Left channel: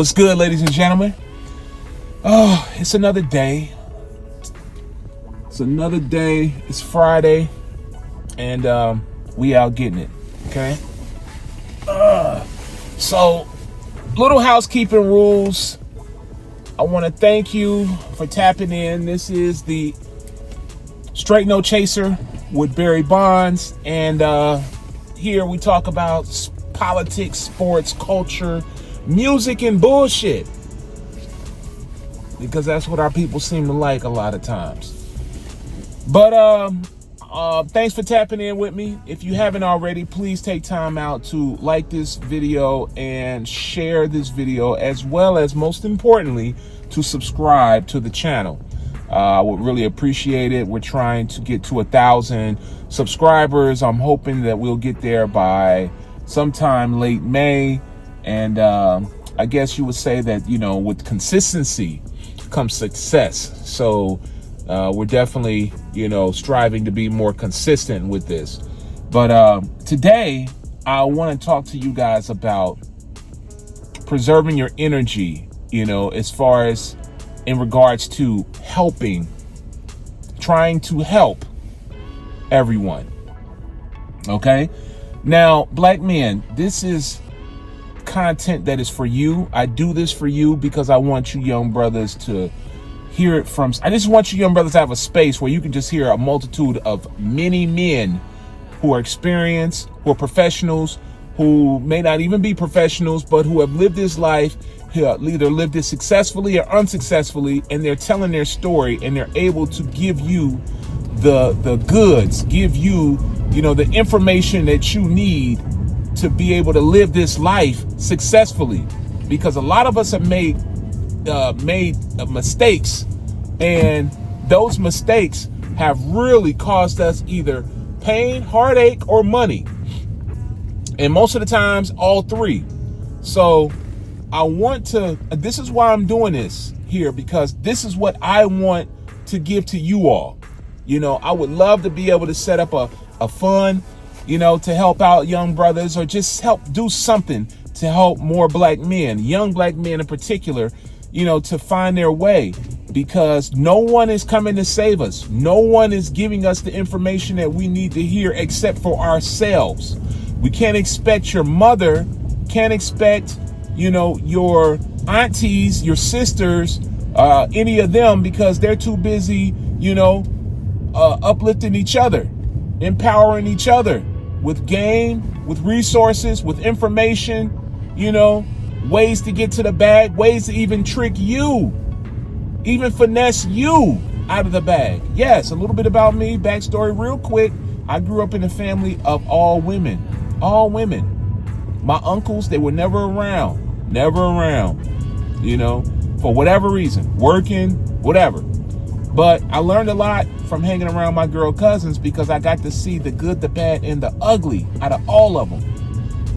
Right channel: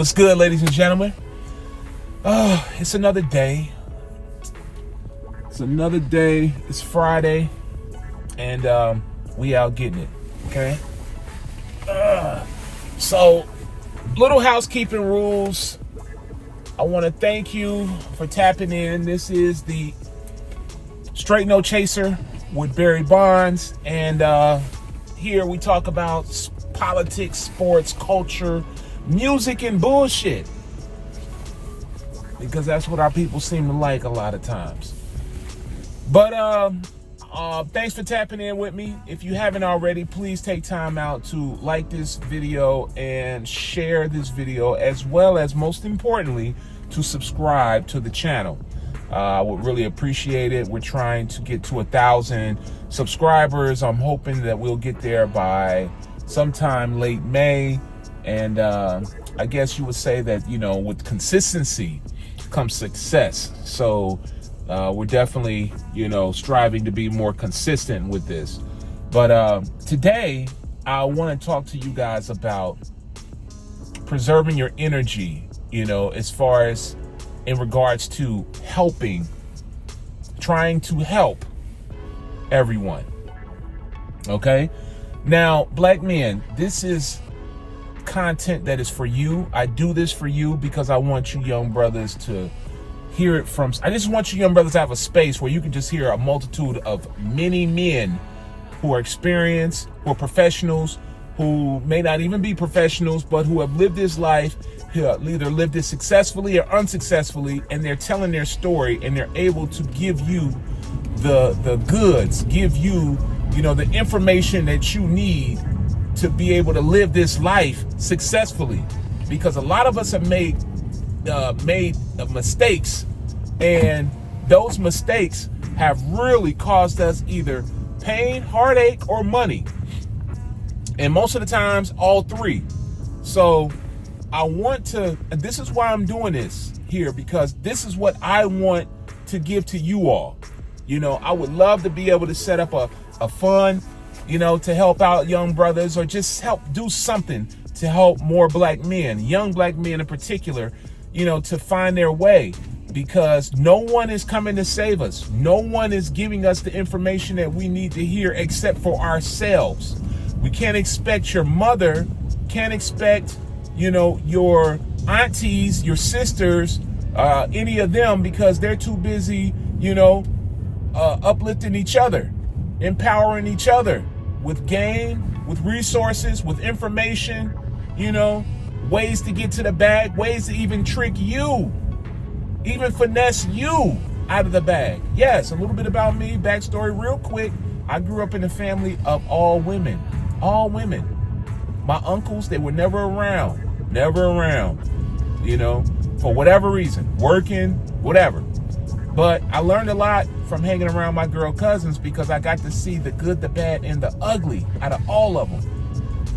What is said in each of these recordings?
What's good, ladies and gentlemen? Oh, it's another day. It's Friday, and we out getting it, okay? So, little housekeeping rules. I want to thank you for tapping in. This is the Straight No Chaser with Barry Bondz, and here we talk about politics, sports, culture, music, and bullshit, because that's what our people seem to like a lot of times. But thanks for tapping in with me. If you haven't already, please take time out to like this video and share this video, as well as, most importantly, to subscribe to the channel. I would really appreciate it. We're trying to get to 1,000 subscribers. I'm hoping that we'll get there by sometime late May. And I guess you would say that, you know, with consistency comes success. So we're definitely, you know, striving to be more consistent with this. But today I want to talk to you guys about preserving your energy, you know, as far as in regards to trying to help everyone. Okay. Now, black men, this is content that is for you. I do this for you because I want you young brothers to hear it from. I just want you young brothers to have a space where you can just hear a multitude of many men who are experienced, who are professionals, who may not even be professionals, but who have lived this life, either lived it successfully or unsuccessfully, and they're telling their story, and they're able to give you the goods, give you, you know, the information that you need to be able to live this life successfully. Because a lot of us have made mistakes, and those mistakes have really caused us either pain, heartache, or money, and most of the times all three. So I want to, this is why I'm doing this here, because this is what I want to give to you all. You know, I would love to be able to set up a fund, you know, to help out young brothers, or just help do something to help more black men, young black men in particular, you know, to find their way, because no one is coming to save us. No one is giving us the information that we need to hear except for ourselves. We can't expect your mother, can't expect, you know, your aunties, your sisters, any of them, because they're too busy, you know, uplifting each other, empowering each other with game, with resources, with information, you know, ways to get to the bag, ways to even trick you, even finesse you out of the bag. Yes, a little bit about me, backstory real quick. I grew up in a family of all women. My uncles, they were never around, you know, for whatever reason, working, whatever. But I learned a lot from hanging around my girl cousins, because I got to see the good, the bad, and the ugly out of all of them.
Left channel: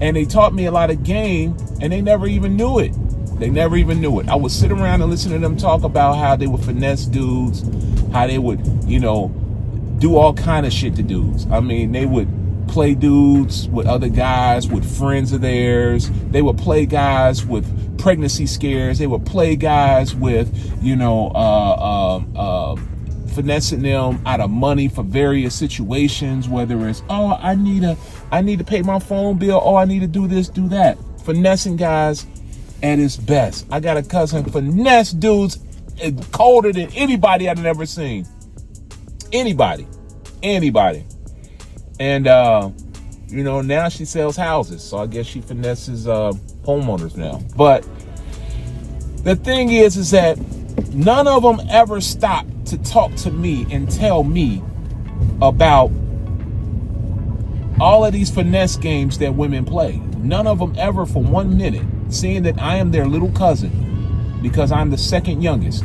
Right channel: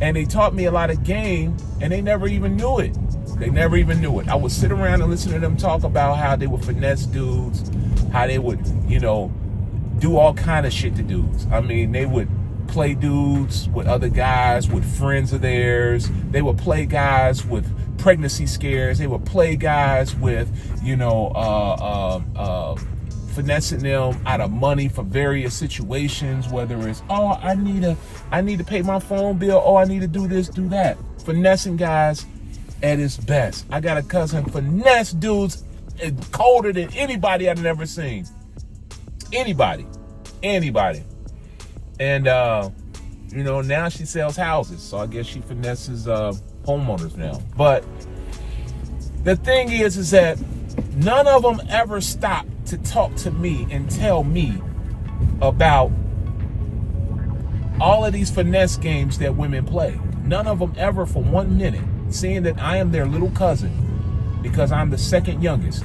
And they taught me a lot of game, and they never even knew it. I would sit around and listen to them talk about how they would finesse dudes, how they would, you know, do all kind of shit to dudes. I mean, they would play dudes with other guys, with friends of theirs. They would play guys with pregnancy scares. They would play guys with, you know, finessing them out of money for various situations, whether it's, oh, I need to pay my phone bill, oh, I need to do this, do that. Finessing guys at its best. I got a cousin finesse dudes colder than anybody I've ever seen. Anybody. And you know, now she sells houses, so I guess she finesses homeowners now. But the thing is that none of them ever stopped to talk to me and tell me about all of these finesse games that women play. None of them ever for 1 minute, seeing that I am their little cousin, because I'm the second youngest.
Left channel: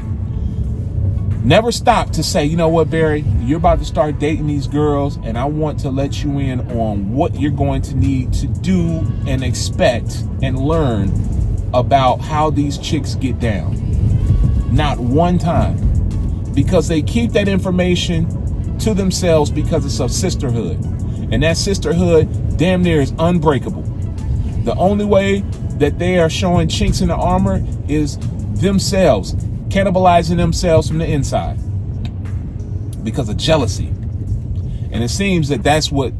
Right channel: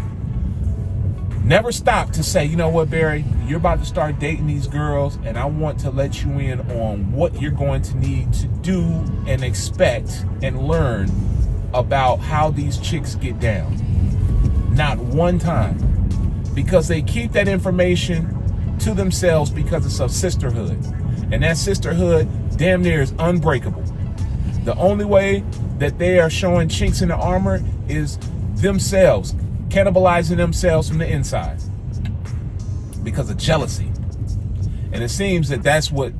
Never stopped to say, you know what, Barry, you're about to start dating these girls, and I want to let you in on what you're going to need to do and expect and learn about how these chicks get down. Not one time. Because they keep that information to themselves, because it's a sisterhood. And that sisterhood damn near is unbreakable. The only way that they are showing chinks in the armor is themselves, cannibalizing themselves from the inside because of jealousy. And it seems that that's what,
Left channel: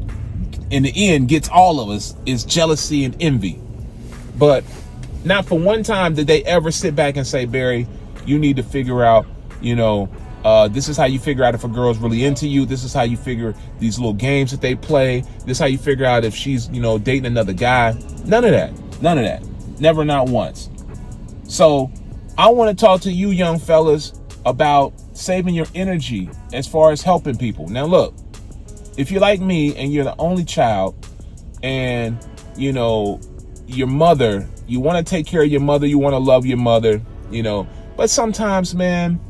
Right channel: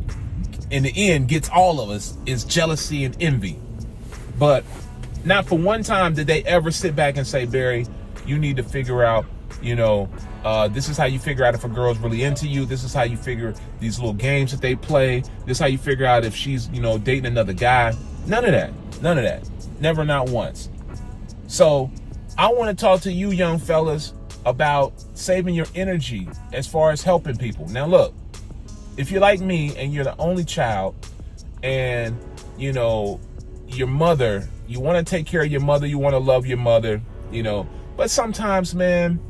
in the end, gets all of us, is jealousy and envy. But not for one time did they ever sit back and say, Barry, you need to figure out, this is how you figure out if a girl's really into you. This is how you figure these little games that they play. This is how you figure out if she's, dating another guy. None of that. None of that. Never, not once. So I want to talk to you young fellas about saving your energy as far as helping people. Now, look, if you're like me and you're the only child and, your mother, you want to take care of your mother, you want to love your mother, but sometimes, man,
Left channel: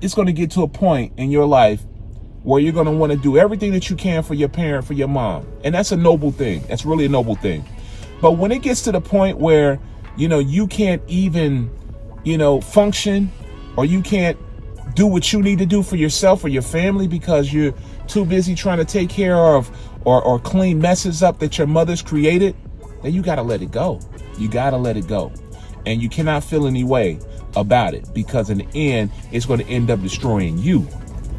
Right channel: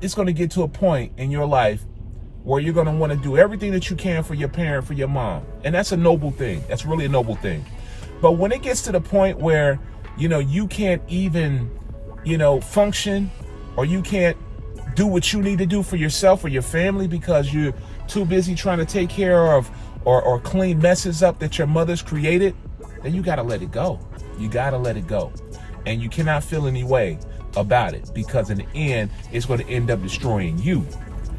it's going to get to a point in your life where you're going to want to do everything that you can for your parent, for your mom. And that's a noble thing. That's really a noble thing. But when it gets to the point where, you can't even, function, or you can't do what you need to do for yourself or your family because you're too busy trying to take care of or clean messes up that your mother's created, then you got to let it go. You got to let it go. And you cannot feel any way about it, because in the end, it's going to end up destroying you.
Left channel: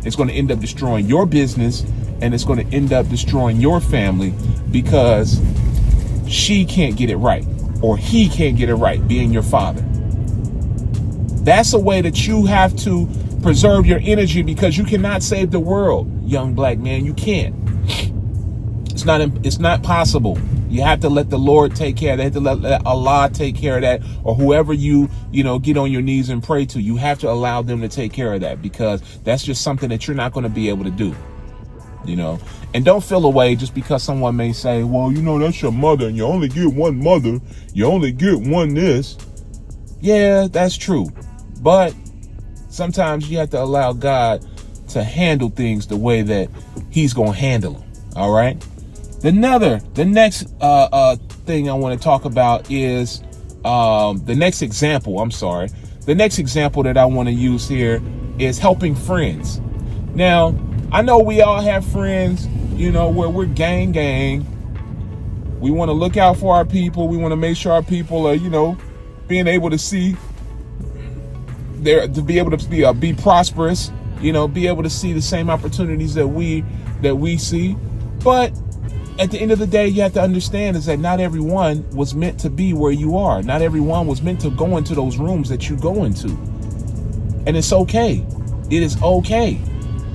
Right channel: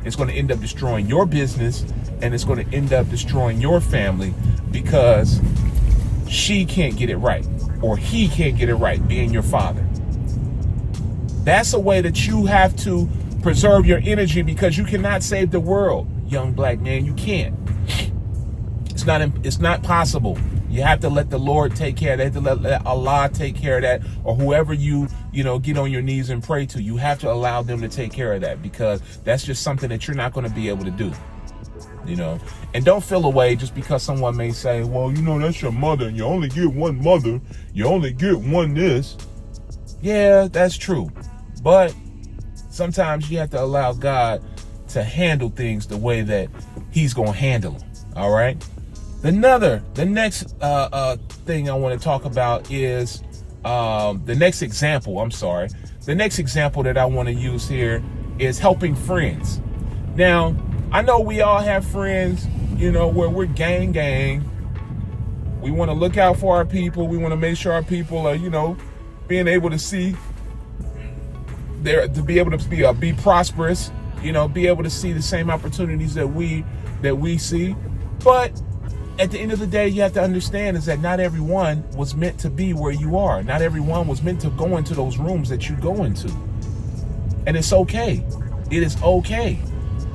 It's going to end up destroying your business, and it's going to end up destroying your family because she can't get it right, or he can't get it right, being your father. That's a way that you have to preserve your energy, because you cannot save the world, young black man. You can't. It's not possible. You have to let the Lord take care of that. You have to let Allah take care of that, or whoever you get on your knees and pray to. You have to allow them to take care of that, because that's just something that you're not going to be able to do. And don't feel away just because someone may say, well, that's your mother and you only get one mother. You only get one this. Yeah, that's true. But sometimes you have to allow God to handle things the way that he's going to handle them. All right. The next thing I want to talk about is the next example. The next example that I want to use here is helping friends. Now, I know we all have friends, where we're gang. We want to look out for our people. We want to make sure our people are, being able to see, to be able to be prosperous, be able to see the same opportunities that we see. But at the end of the day, you have to understand is that not everyone was meant to be where you are. Not everyone was meant to go into those rooms that you go into. And it's okay. It is okay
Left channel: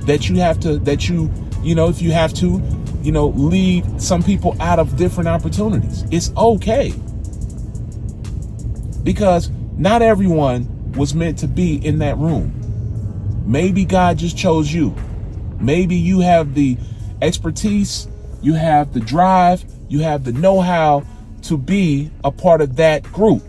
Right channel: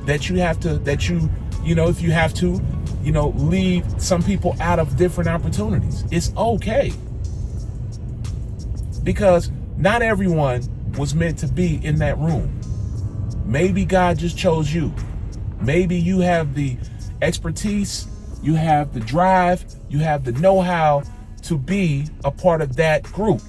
that you have to, if you have to, leave some people out of different opportunities. It's okay. Because not everyone was meant to be in that room. Maybe God just chose you. Maybe you have the expertise, you have the drive, you have the know-how to be a part of that group.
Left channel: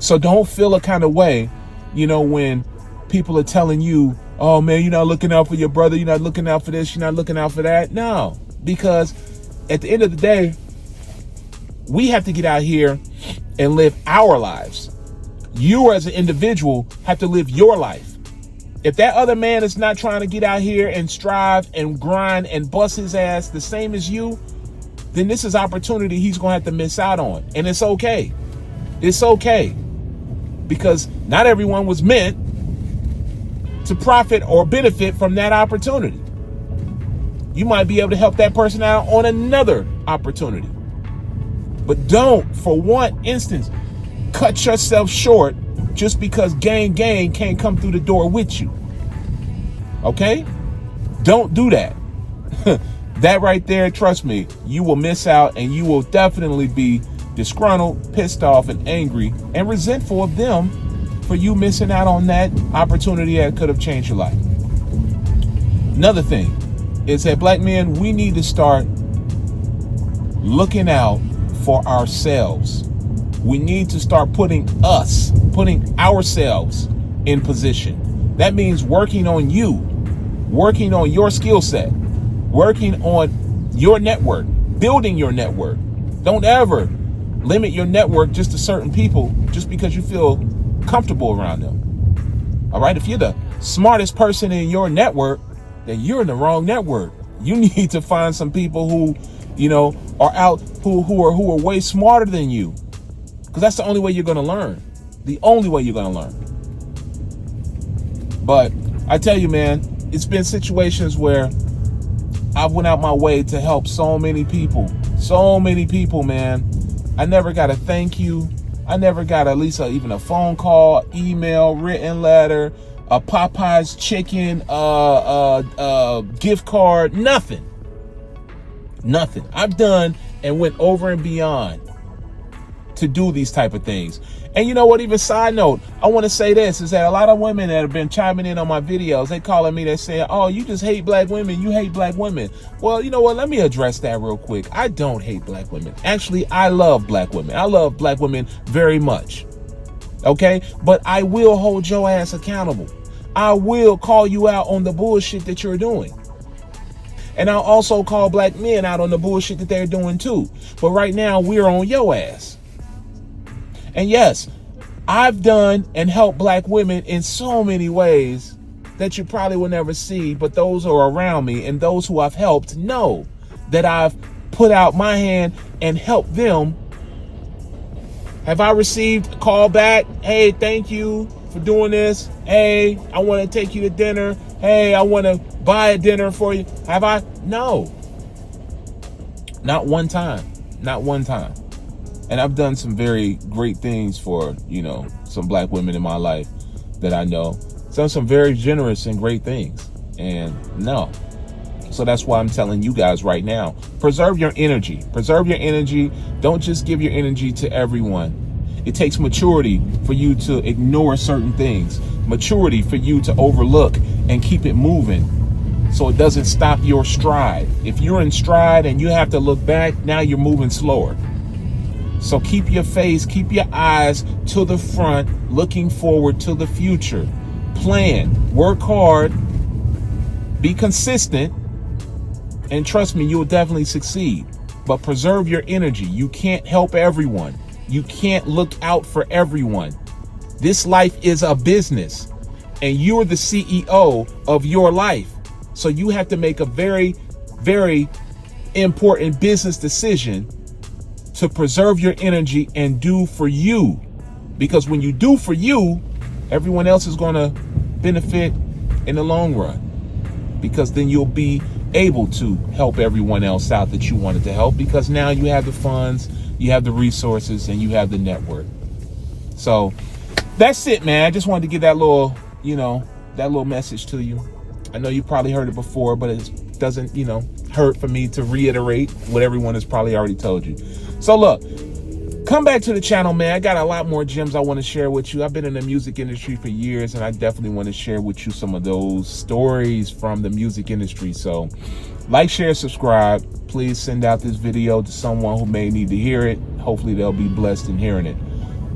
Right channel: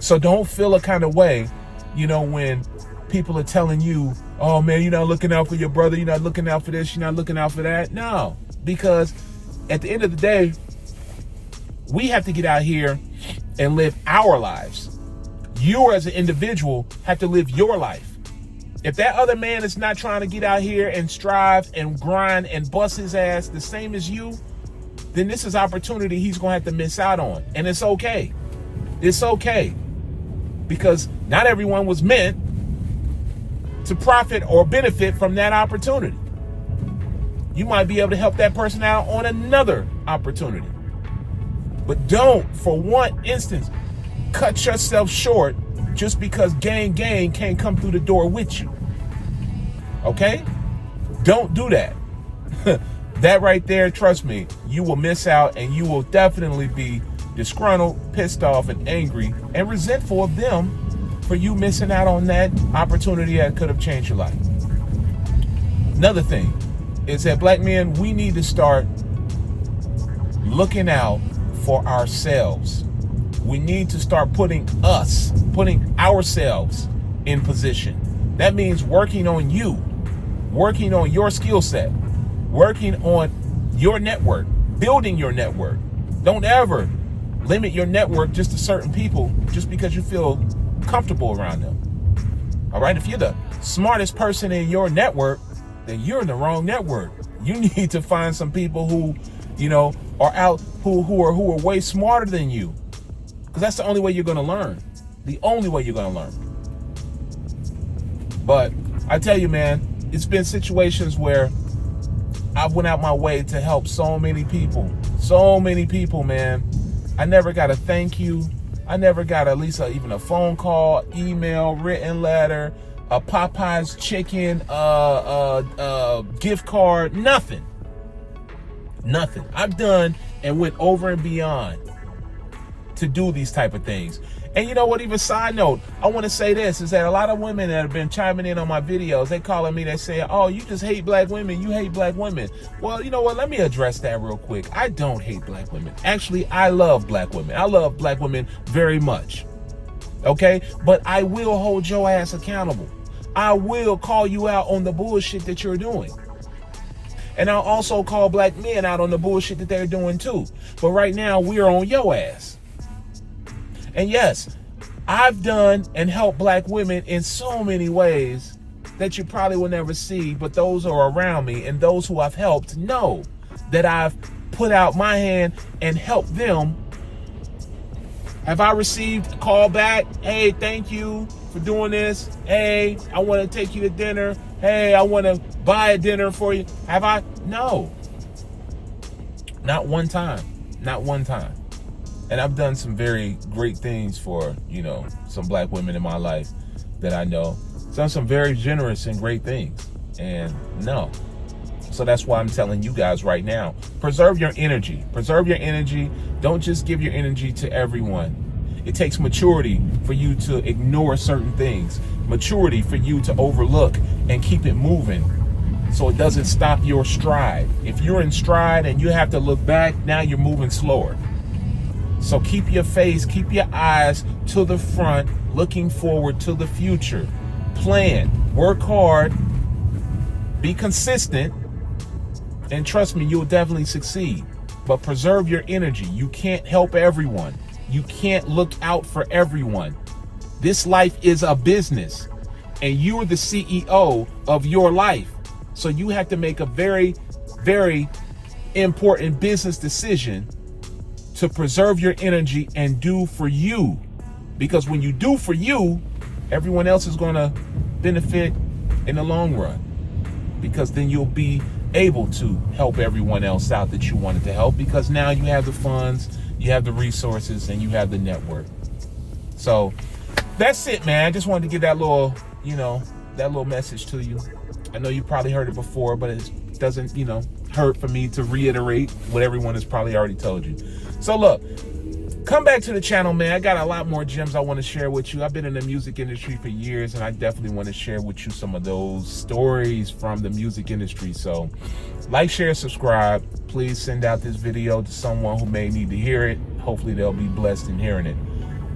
So don't feel a kind of way, when people are telling you, oh man, you're not looking out for your brother, you're not looking out for this, you're not looking out for that. No, because at the end of the day, we have to get out here and live our lives. You as an individual have to live your life. If that other man is not trying to get out here and strive and grind and bust his ass the same as you, then this is opportunity he's going to have to miss out on. And it's okay. It's okay. Because not everyone was meant to profit or benefit from that opportunity. You might be able to help that person out on another opportunity. But don't, for one instance, cut yourself short just because gang can't come through the door with you. Okay? Don't do that. That right there, trust me, you will miss out, and you will definitely be disgruntled, pissed off, and angry and resentful of them for you missing out on that opportunity that could have changed your life. Another thing is that black men, we need to start looking out for ourselves. We need to start putting ourselves in position. That means working on you, working on your skill set, working on your network, building your network. Don't ever limit your network just to certain people just because you feel comfortable around them. All right. If you're the smartest person in your network, then you're in the wrong network. You need to find some people who, are out, who are way smarter than you. Because that's the only way you're going to learn. The only way you're going to learn. But I tell you, man, it's been situations where I went out my way to help so many people. So many people, man. I never got a thank you. I never got at least even a phone call, email, written letter, a Popeye's chicken, gift card, nothing. Nothing. I've done and went over and beyond to do these type of things. And you know what, even side note, I want to say this, is that a lot of women that have been chiming in on my videos, they calling me, they saying, oh, you just hate black women, you hate black women. Well, you know what, let me address that real quick. I don't hate black women. Actually, I love black women. I love black women very much. Okay? But I will hold your ass accountable. I will call you out on the bullshit that you're doing. And I'll also call black men out on the bullshit that they're doing too. But right now, we're on your ass. And yes, I've done and helped black women in so many ways that you probably will never see, but those who are around me and those who I've helped know that I've put out my hand and helped them. Have I received a call back? Hey, thank you for doing this. Hey, I want to take you to dinner. Hey, I want to buy a dinner for you. Have I? No. Not one time. Not one time. And I've done some very great things for, you know, some black women in my life that I know. Done some very generous and great things. And no. So that's why I'm telling you guys right now, preserve your energy. Preserve your energy. Don't just give your energy to everyone. It takes maturity for you to ignore certain things. Maturity for you to overlook and keep it moving so it doesn't stop your stride. If you're in stride and you have to look back, now you're moving slower. So keep your face, keep your eyes to the front, looking forward to the future. Plan, work hard, be consistent, and trust me, you will definitely succeed. But preserve your energy. You can't help everyone. You can't look out for everyone. This life is a business, and you're the CEO of your life. So you have to make a very, very important business decision to preserve your energy and do for you. Because when you do for you, everyone else is going to benefit in the long run. Because then you'll be able to help everyone else out that you wanted to help, because now you have the funds, you have the resources, and you have the network. So that's it, man. I just wanted to give that little, you know, that little message to you. I know you probably heard it before, but it doesn't, you know, hurt for me to reiterate what everyone has probably already told you. So look, come back to the channel, man. I got a lot more gems I want to share with you. I've been in the music industry for years, and I definitely want to share with you some of those stories from the music industry. So like, share, subscribe. Please send out this video to someone who may need to hear it. Hopefully they'll be blessed in hearing it.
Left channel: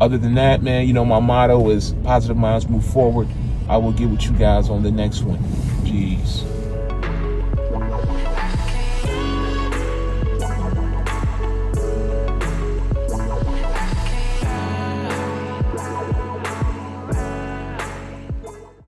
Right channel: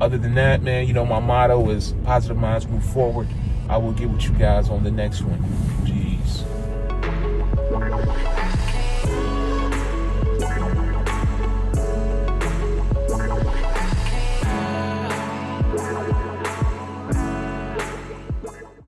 Other than that, man, you know, my motto is positive minds move forward. I will get with you guys on the next one. Peace.